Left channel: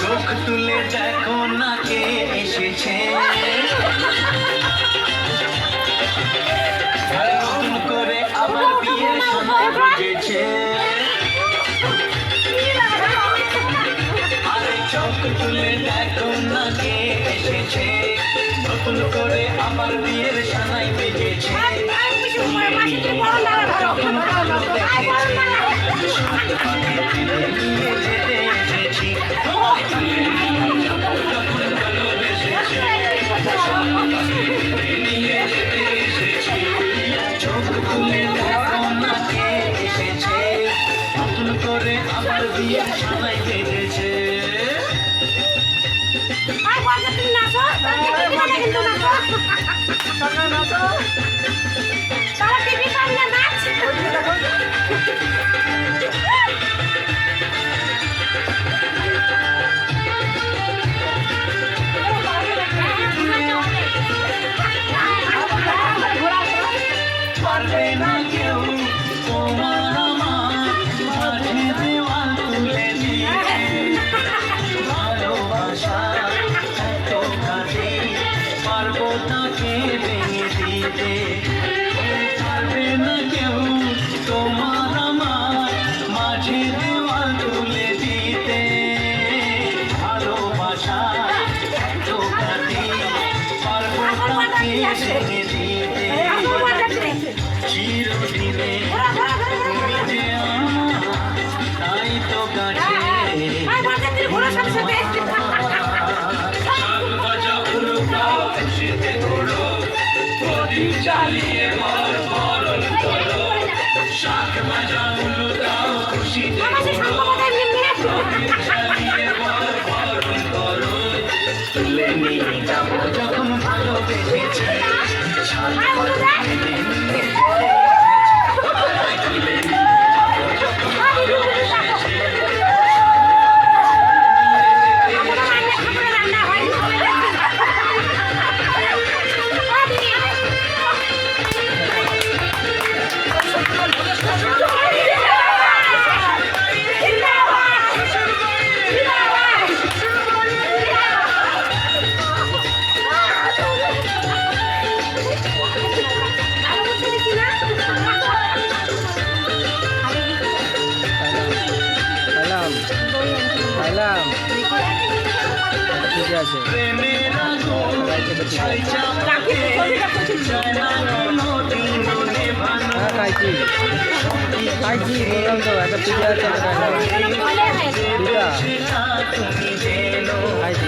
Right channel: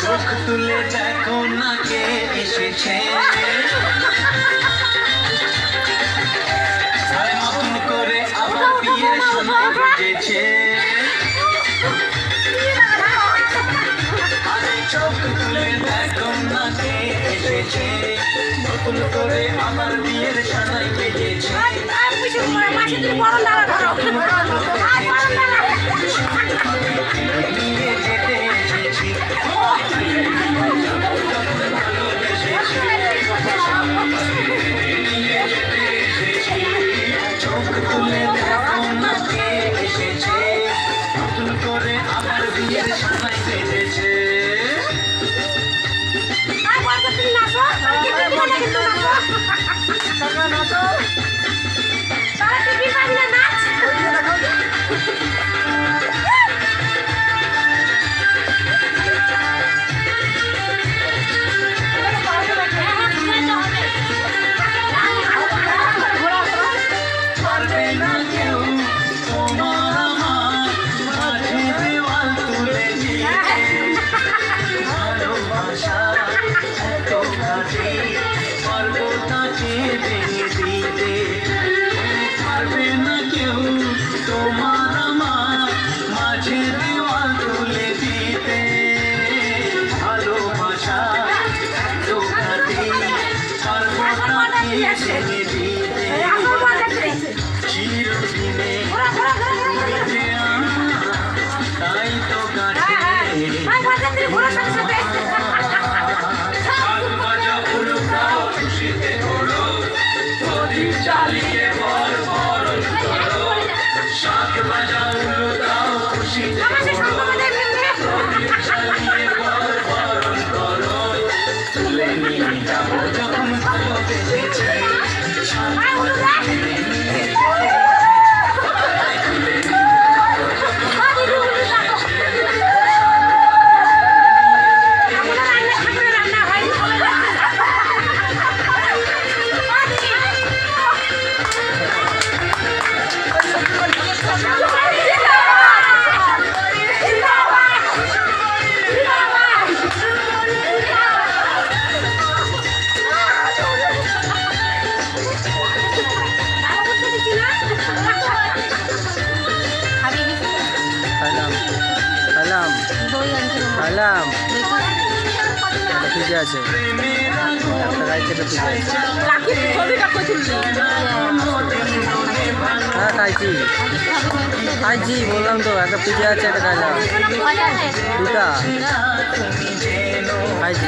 চোখ তুলে দেখো না কে এসেছে, নতুন করে আবার বিয়ের সময় বেজেছে। চোখ তুলে দেখো না কে এসেছে, নতুন করে আমার বিয়ের সময় বেজেছে। নিয়ে যেতে এসেছি, নিয়ে যেতে এসেছি। চোখ তুলে দেখো না কে এসেছে, নতুন করে আমার বিয়ের সময় বেজেছে। পারবে না কেউ তোমার আমার মাঝে দেওয়াল তুলে দিতে, ভালোবাসা এত কাছে পারবো তাকে ভেঙে দিতে। পারবে না কেউ তোমার আমার মাঝে দেওয়াল তুলে দিতে, ভালোবাসা এত কাছে পারবো তাকে ভেঙে দিতে। চিরদিনে তুমি যে আমার, তাই তো কাছে খুশিতে ঘোরো, প্রদীপ জ্বালিয়ে বল বরণ করো। শাক বাজা উলু দাও খুশিতে ঘোরো, প্রদীপ জ্বালিয়ে বল বরণ করো। তুলে নিয়ে যাবো যখন ভালো বেঁধেছে, শাক বাজা তুলে নিয়ে খাইলাম একটা পিজা আছে, একটা রাইস একটা পিজা আছে। হ্যাঁ খাইছি খাইছি বললাম তো, একটা পিজা আছে একটা খাইলাম, দুটা খাইছি।